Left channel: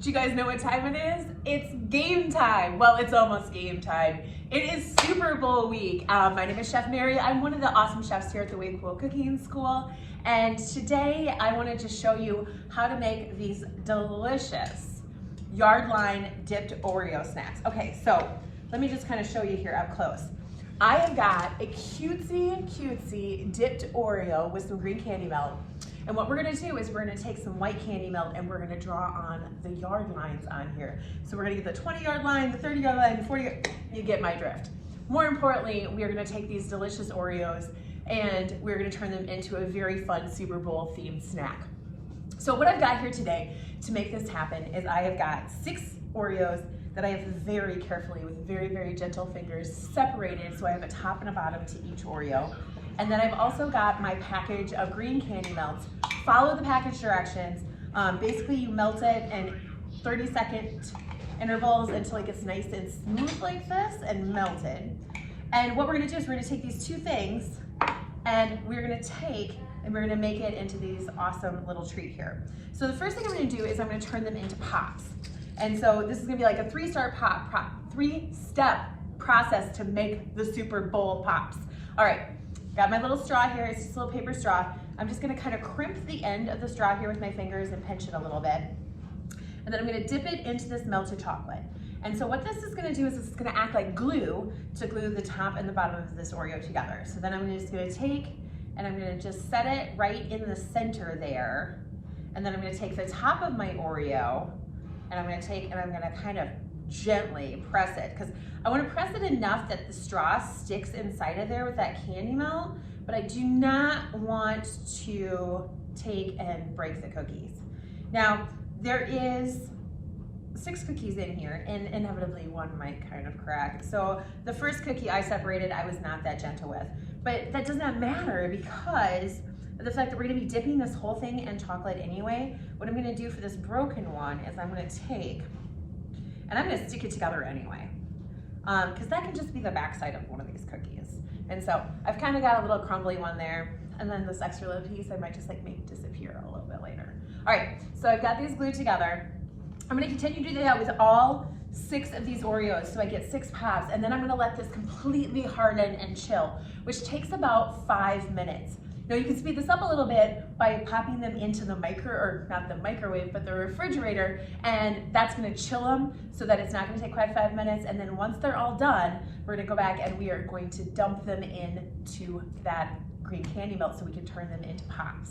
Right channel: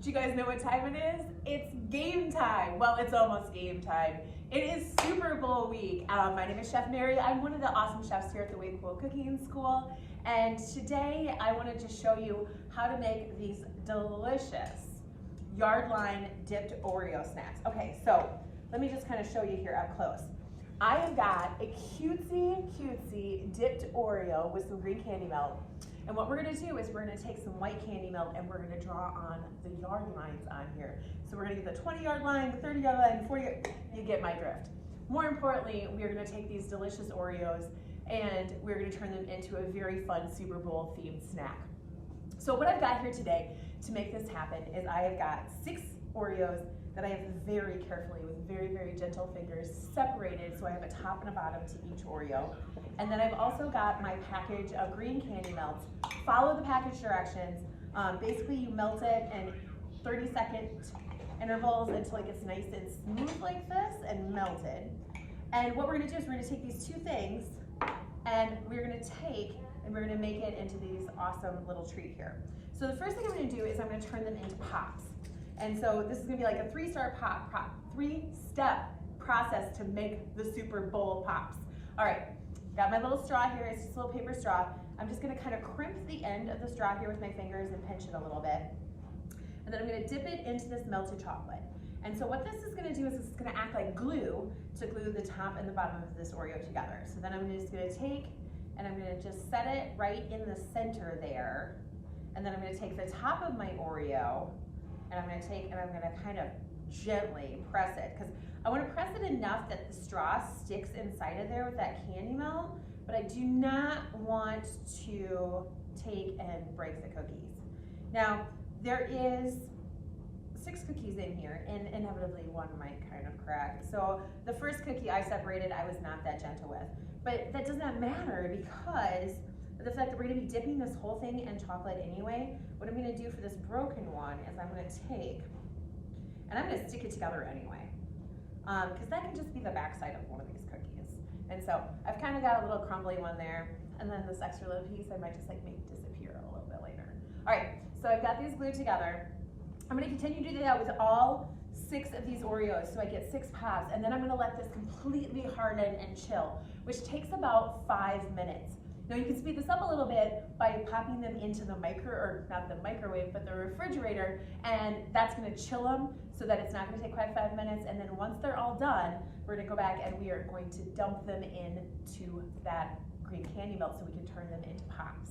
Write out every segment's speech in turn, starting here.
Do you guys know what time it is? It's game time. Well, it's almost game time. It is Super Bowl week. My name is Chef Mary. I'm one of the awesome chefs here at the Way Cool Cooking School. And today I wanted to show you how to make these delicious Yardline dipped Oreo snacks. Okay, so let me just kind of show you here up close. I have got a cutesy dipped Oreo with some green candy melt. And what we're gonna do is we're gonna take some white candy melt and we're gonna draw on the yard lines on here. So we're gonna get the 20-yard line, the 30-yard line, the 40-yard, you get my drift. More importantly, we are gonna take these delicious Oreos and we're gonna turn them into a very fun Super Bowl themed snack. So what I've got here today to make this happen is I have got 6 Oreos that I have very carefully, with very gentle fingers, separated so I have a top and a bottom to each Oreo. And then I've also got my package of green candy melts. Follow the package directions. Basically you melt it in 30-second intervals until it gets nice and smooth like this and melted. And what we're gonna do is we're gonna take these 2 things and we're gonna make it into these awesome little treat here. So the first thing I'm gonna do is I'm gonna turn them into pops. And so this is gonna be like a 3-step process to make the Super Bowl pops. All right. Got my little straw here, it's just a little paper straw. I'm just gonna kind of crimp the end of the straw here with my fingers and pinch it a little bit. And then I'm gonna dip it into this melted chocolate. And so what this is gonna do is it's gonna act like glue to glue the top and the bottom of this Oreo together. So then I'm just gonna take and I'm gonna just set it right in the center there. And then I'm gonna take the top of my Oreo and I'm gonna kind of gently press it, because I want to press it enough that the straw sticks inside of there with that candy melt, but I do not want to take and break the cookies. Now, there is 6 cookies in here, and inevitably one might kind of crack. So the first cookie I separated, I was not that gentle with, but that does not matter because of the fact that we're going to be dipping this whole thing in chocolate anyway. What I'm going to do for this broken one is I'm going to take and I'm gonna stick it together anyway, because that can just be the backside of one of these cookies. And so I've kind of got a little crumbly one there, and then this extra little piece I might just like make disappear a little bit later. All right, so I've got these glued together. I'm gonna continue to do that with all 6 of these Oreos, so I get 6 pops, and then I'm gonna let this completely harden and chill, which takes about 5 minutes. Now you can speed this up a little bit by popping them into the not the microwave, but the refrigerator, and that's gonna chill them so that it's not gonna take quite 5 minutes. And then once they're all done, we're gonna go back and we are going to dump them into that green candy melt so we can turn them into pops.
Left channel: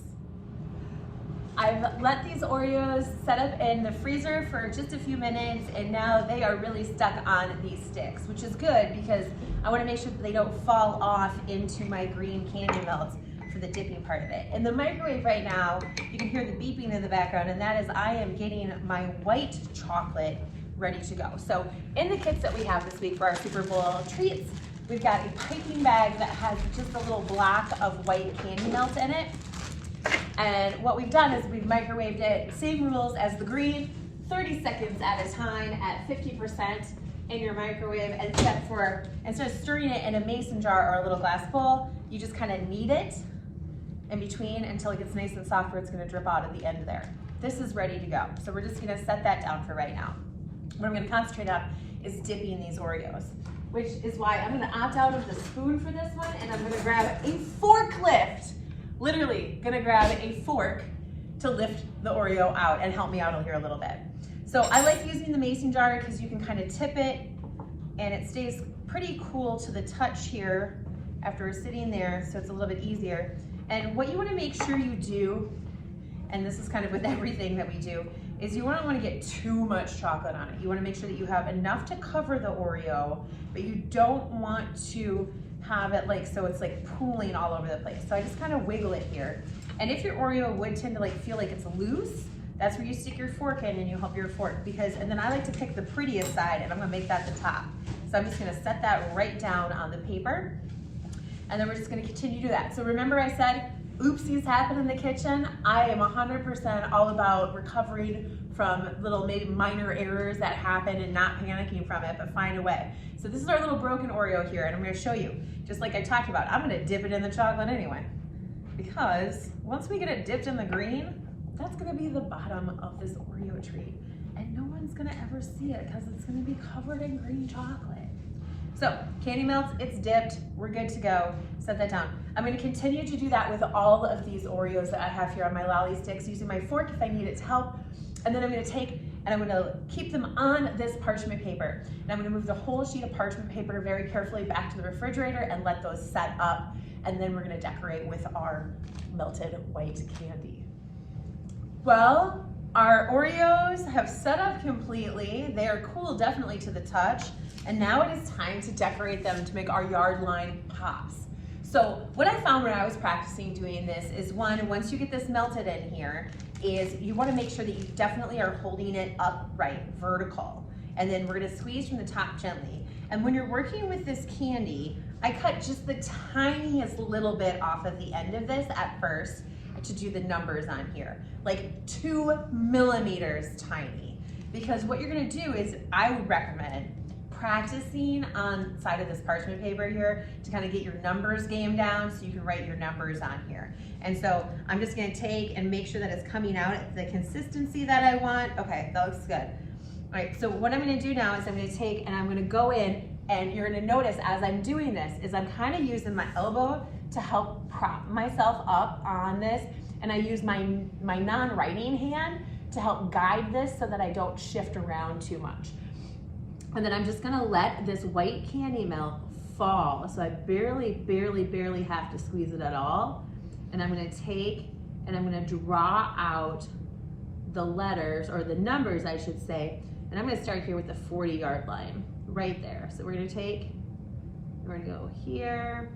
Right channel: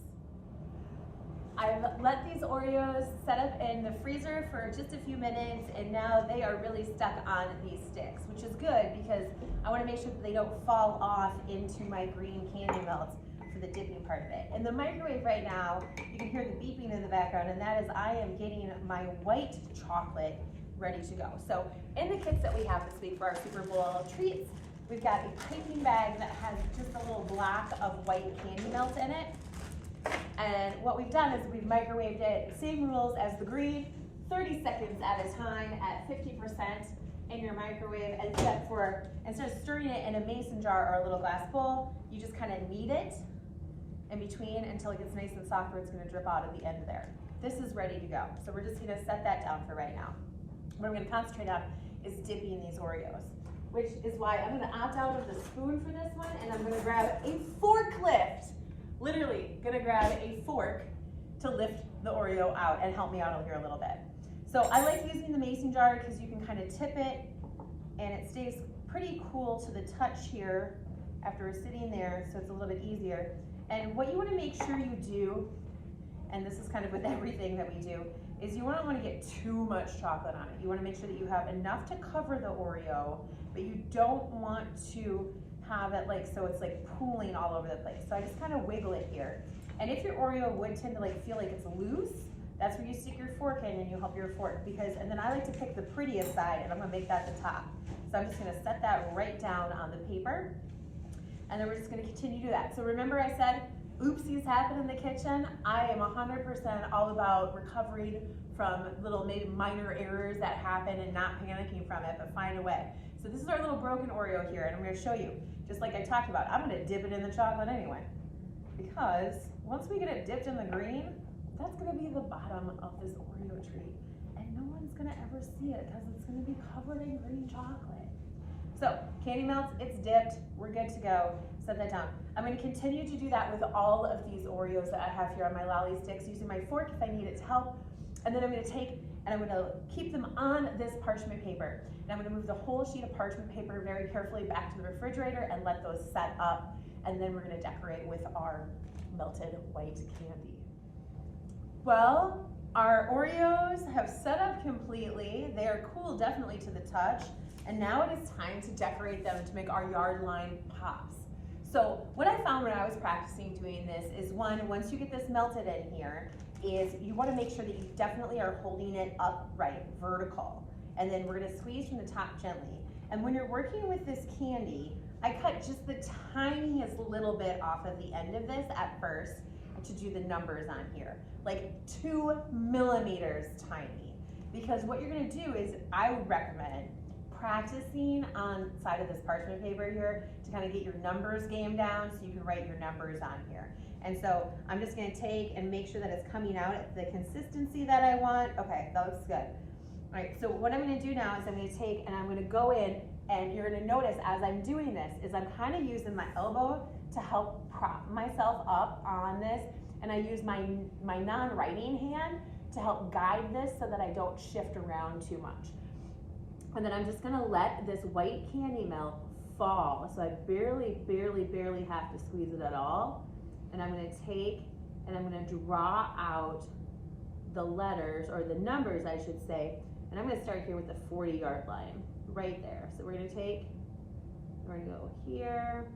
I've let these Oreos set up in the freezer for just a few minutes, and now they are really stuck on these sticks, which is good because I wanna make sure that they don't fall off into my green candy melts for the dipping part of it. In the microwave right now, you can hear the beeping in the background, and that is I am getting my white chocolate ready to go. So in the kits that we have this week for our Super Bowl treats, we've got a piping bag that has just a little block of white candy melt in it. And what we've done is we've microwaved it, same rules as the green, 30 seconds at a time at 50% in your microwave, except for instead of stirring it in a mason jar or a little glass bowl, you just kind of knead it in between until it gets nice and soft where it's gonna drip out at the end there. This is ready to go. So we're just gonna set that down for right now. What I'm gonna concentrate on is dipping these Oreos, which is why I'm gonna opt out of the spoon for this one, and I'm gonna grab a forklift. Literally gonna grab a fork to lift the Oreo out and help me out here a little bit. So I like using the mason jar because you can kind of tip it and it stays pretty cool to the touch here after sitting there, so it's a little bit easier. And what you want to make sure you do, and this is kind of with everything that we do, is you don't want to get too much chocolate on it. You want to make sure that you have enough to cover the Oreo, but you don't want to have it like so it's like pooling all over the place. So I just kind of wiggle it here. And if your Oreo would tend to like feel like it's loose, that's where you stick your fork in and you help your fork, and then I like to pick the prettiest side and I'm gonna make that the top. So I'm just gonna set that right down on the paper, and then we're just gonna continue to do that. So remember I said, oopsies happen in the kitchen. I am 100% all about recovering from little maybe minor errors that happen and not panicking from it, but find a way. So this is our little broken Oreo here, and I'm gonna show you, just like I talked about, I'm gonna dip it in the chocolate anyway, because once we get it dipped in the green, that's gonna be the bottom of this Oreo treat. And no one's gonna ever see it because it's gonna be covered in green chocolate. So candy melts, it's dipped, we're good to go. Set that down. I'm gonna continue to do that with all of these Oreos that I have here on my lolly sticks, using my fork if I need its help. And then I'm gonna take and I'm gonna keep them on this parchment paper. And I'm gonna move the whole sheet of parchment paper very carefully back to the refrigerator and let those set up. And then we're gonna decorate with our melted white candy. Well, our Oreos have set up completely. They are cool, definitely to the touch. And now it is time to decorate them to make our yard line pops. So what I found when I was practicing doing this is, once you get this melted in here, is you want to make sure that you definitely are holding it upright, vertical. And then we're going to squeeze from the top gently. And when you're working with this candy, I cut just the tiniest little bit off of the end of this at first to do the numbers on here, like 2 millimeters tiny. Because what you're going to do is, I would recommend practicing on the side of this parchment paper here to kind of get your numbers game down so you can write your numbers on here. And so I'm just going to take and make sure that it's coming out at the consistency that I want. Okay, that looks good. All right, so what I'm going to do now is I'm going to take and I'm going to go in, and you're going to notice as I'm doing this is I'm kind of using my elbow to help prop myself up on this, and I use my non-writing hand to help guide this so that I don't shift around too much. And then I'm just gonna let this white candy melt fall. So I barely have to squeeze it at all. And I'm gonna take and I'm gonna draw out the letters, or the numbers I should say. And I'm gonna start here with the 40-yard line, right there. So we're gonna go here.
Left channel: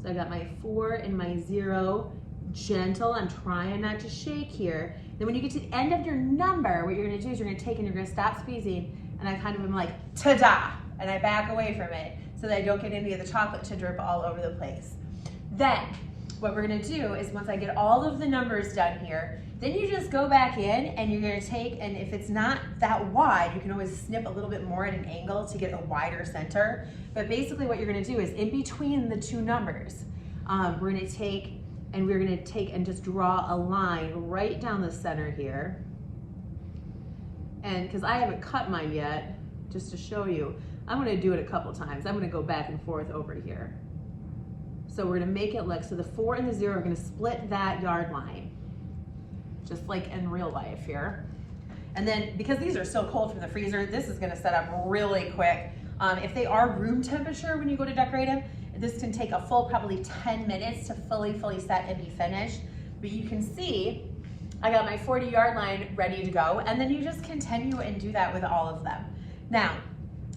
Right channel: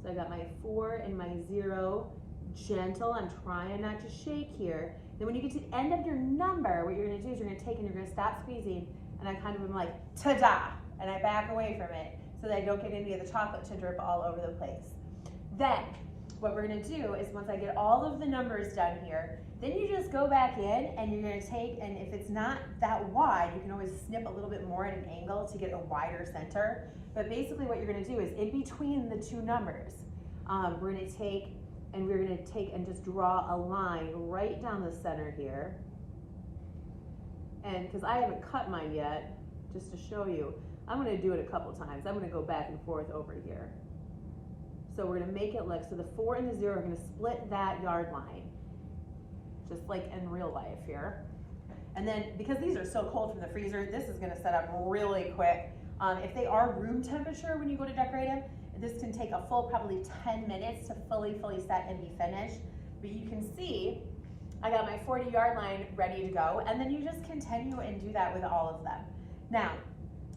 So I got my 4 and my 0, gentle, I'm trying not to shake here. Then when you get to the end of your number, what you're gonna do is you're gonna take and you're gonna stop squeezing, and I kind of am like, ta-da, and I back away from it so that I don't get any of the chocolate to drip all over the place. Then, what we're gonna do is, once I get all of the numbers done here, then you just go back in and you're gonna take, and if it's not that wide, you can always snip a little bit more at an angle to get a wider center. But basically what you're gonna do is, in between the 2 numbers, we're gonna take and just draw a line right down the center here. And because I haven't cut mine yet, just to show you, I'm gonna do it a couple times. I'm gonna go back and forth over here. So we're gonna make it look, so the 4 and the 0 are gonna split that yard line, just like in real life here. And then, because these are so cold from the freezer, this is gonna set up really quick. If they are room temperature when you go to decorate them, this can take a full probably 10 minutes to fully set and be finished. But you can see, I got my 40-yard line ready to go, and then you just continue and do that with all of them. Now,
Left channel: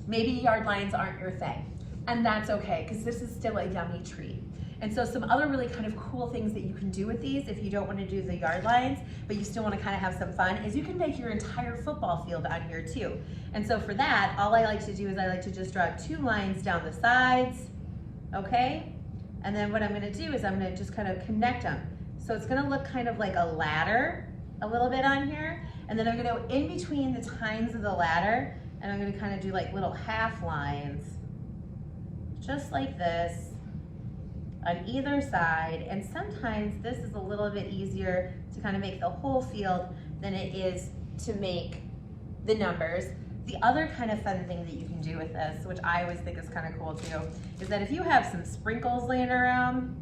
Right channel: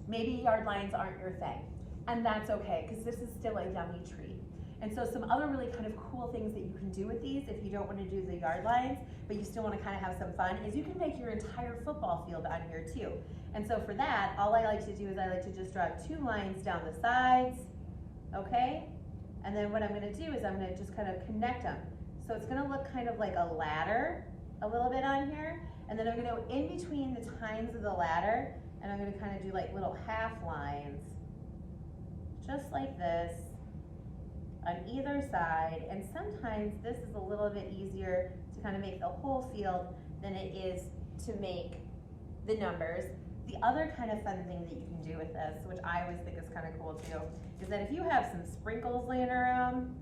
maybe yard lines aren't your thing, and that's okay, because this is still a yummy treat. And so some other really kind of cool things that you can do with these, if you don't want to do the yard lines, but you still want to kind of have some fun, is you can make your entire football field on here too. And so for that, all I like to do is I like to just draw 2 lines down the sides, okay? And then what I'm going to do is I'm going to just kind of connect them. So it's going to look kind of like a ladder a little bit on here. And then I'm going to go in between the tines of the ladder, and I'm going to kind of do like little half lines, just like this, on either side. And sometimes this is a little bit easier to kind of make the whole field than it is to make the numbers. The other kind of fun thing that you can do with this, which I always think is kind of cool too, is that if you have some sprinkles laying around,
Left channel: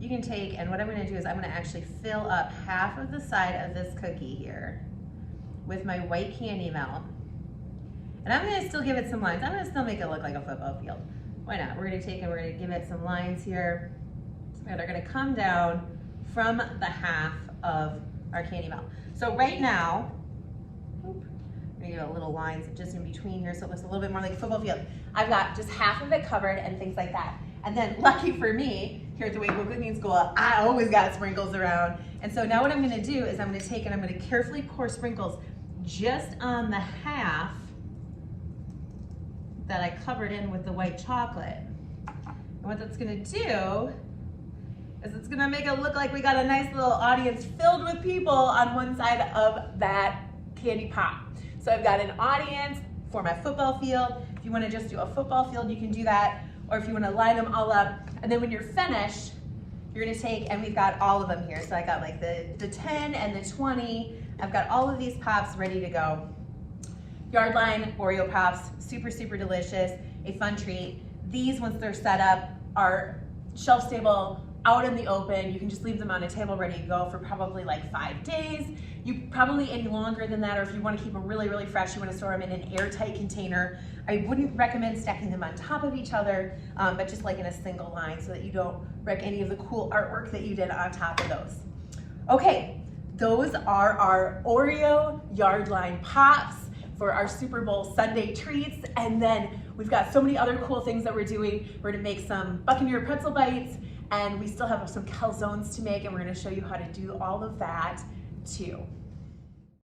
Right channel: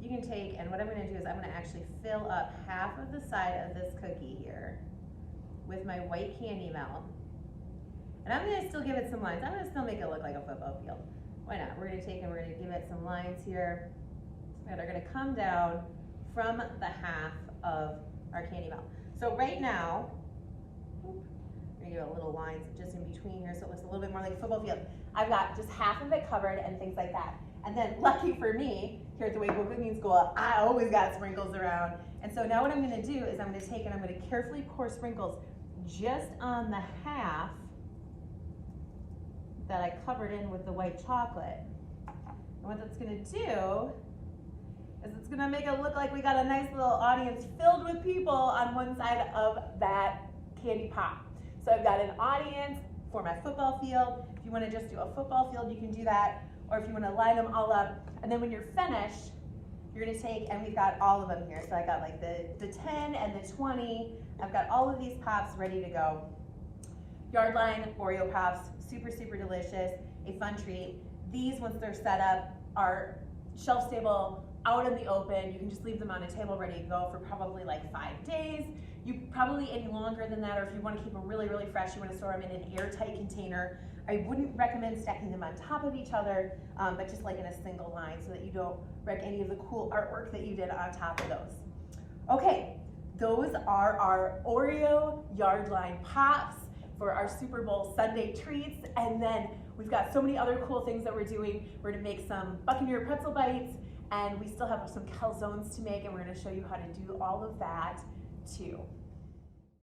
you can take, and what I'm gonna do is I'm gonna actually fill up half of the side of this cookie here with my white candy melt. And I'm gonna still give it some lines. I'm gonna still make it look like a football field. Why not? We're gonna take and we're gonna give it some lines here that are gonna come down from the half of our candy melt. So right now, I'm gonna give it little lines just in between here so it looks a little bit more like a football field. I've got just half of it covered and things like that. And then lucky for me, here at the Wakeville Cooking School, I always got sprinkles around. And so now what I'm gonna do is I'm gonna take and I'm gonna carefully pour sprinkles just on the half that I covered in with the white chocolate. And what that's gonna do is it's gonna make it look like we got a nice little audience filled with people on one side of that candy pop. So I've got an audience for my football field. If you wanna just do a football field, you can do that. Or if you wanna line them all up. And then when you're finished, you're gonna take, and we've got all of them here. So I got like the 10 and the 20. I've got all of these pops ready to go. Yardline Oreo Pops, super, super delicious, a fun treat. These, once they're set up, are shelf stable, out in the open. You can just leave them on a table ready to go for probably like 5 days. You probably any longer than that, or if you want to keep them really, really fresh, you want to store them in an airtight container. I wouldn't recommend stacking them on top of each other, but just like in a single line so that you don't wreck any of the cool artwork that you did on top of those. Okay, those are our Oreo Yardline Pops for our Super Bowl Sunday treats. And then we've got so many other cool things that we're doing. We're gonna make some Buccaneer pretzel bites, and we still have some calzones to make, and we're gonna show you how to do all of that too.